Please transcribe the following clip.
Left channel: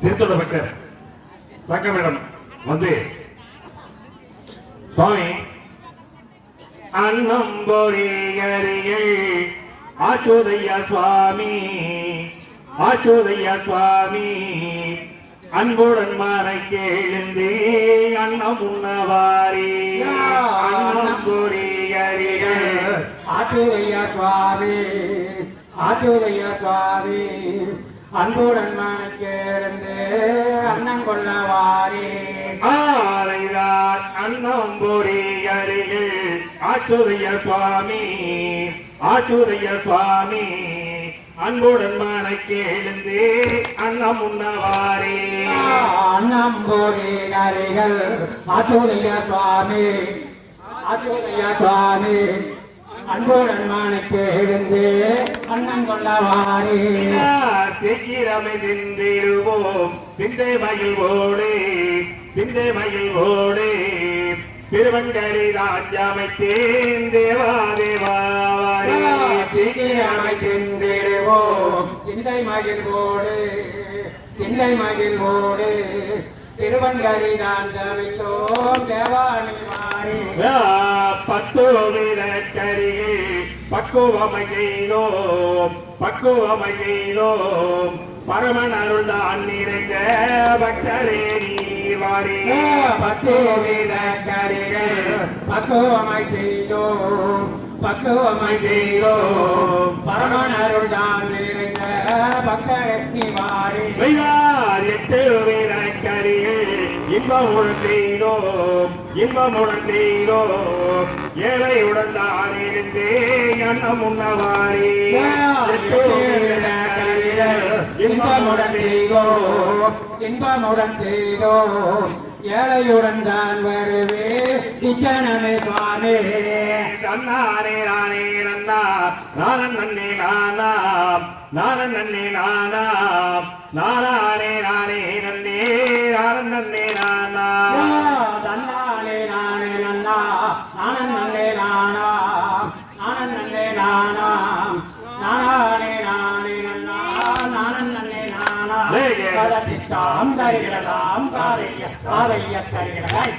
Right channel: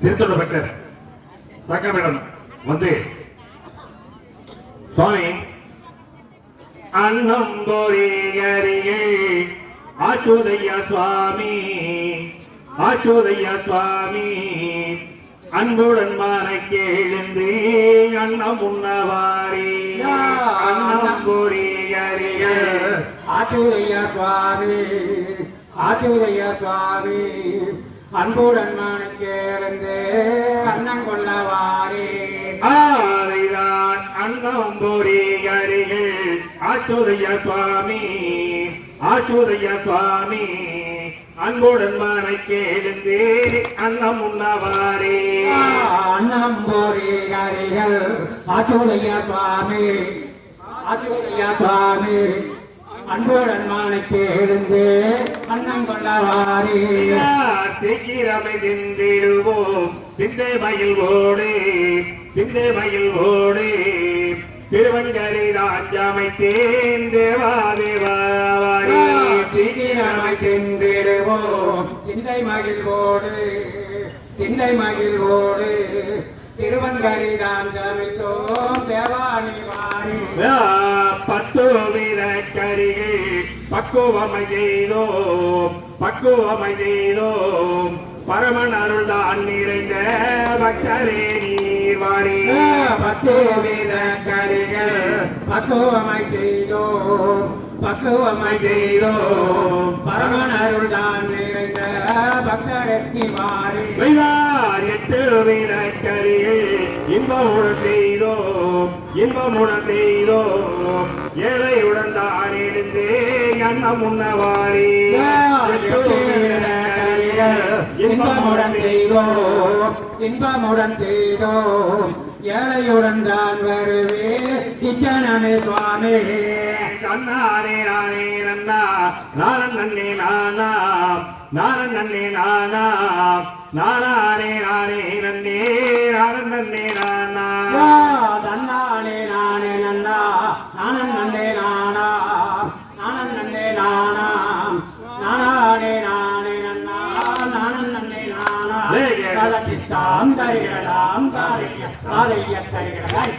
திருத்தொட பக்தர் சங்கமிடம் வந்து சுவாமி அன்னம் பொறியறிகள் ஆச்சுதையா சுவாமி ஆச்சுதையா சுவாமி அன்புடன் மனை கேழ்ந்து அன்னம் உண்ணவாரி அன்னம் பொறியறிகள் ஆச்சுதையா சுவாமி ஆச்சுதையா சுவாமி அன்புடன் மனை கேழ்ந்து அன்னம் கொள்ளவாரி ஆரைதான் அன்னம் பொறியறிகள் ஆச்சுதைய சுவாமி ஆச்சுதைய சுவாமி அன்புடன் மனை கேழ்ந்து அன்னம் உண்ணவாரே அன்னம் பொறியறிகள் ஆச்சுதைய சுவாமி ஆச்சுதைய சுவாமி அன்புடன் மனை கேழ்ந்து அன்னம் கொள்ளவாரி சீக்கிரமை திந்திடுவோம் சிந்தை மகிழ்வோடு சிந்தை மகிழ்வோடு திருவண்டரை ராஜ்யமைத்தேன் தேவா தேவாரி சீக்கிரமை திந்திடுவோம் சிந்தை மகிழ்வோடு சிந்தை மகிழ்வோடு திருவண்டரை ராஜ்யமைத்தோம் தேவாணி வாரி பத்து வீர கரிகள் பக்குவமை செய்தோம் பக்குவமை செய்தோம் பரமன் அருள் தான் நிறைந்த பக்தரே நீவாரி பத்து வீர கரிகள் பக்குவமை செய்தோம் பக்குவமை செய்தோம் பரமன் அருள் தான் நிறைந்த பக்தரே நீவாரி எட்டு வீர கரிகள் இன்பமுடன் செய்தோம் இன்பமுடன் செய்தோம் ஏழையுடன் தான் இருந்தே அன்னம் உண்ணவாரி இன்பமுடன் செய்தோம் இன்பமுடன் செய்தோம் ஏழையுடன் தான் வருவே கிச்சனமே சுவாமி நன்னாரே நானே நன்னா நானன் நன்னே நானா நானன் நன்னே நானா நானே நானே நன்னே நானன் நன்னே நானா தன்னானே நானே நன்னா நானன் நன்னே நானா நானன் நன்னே நானா நானே நானே நன்னா நானன் நன்னே நானா தாம் தருகிறதாம் தாரைய தருகிறதாய்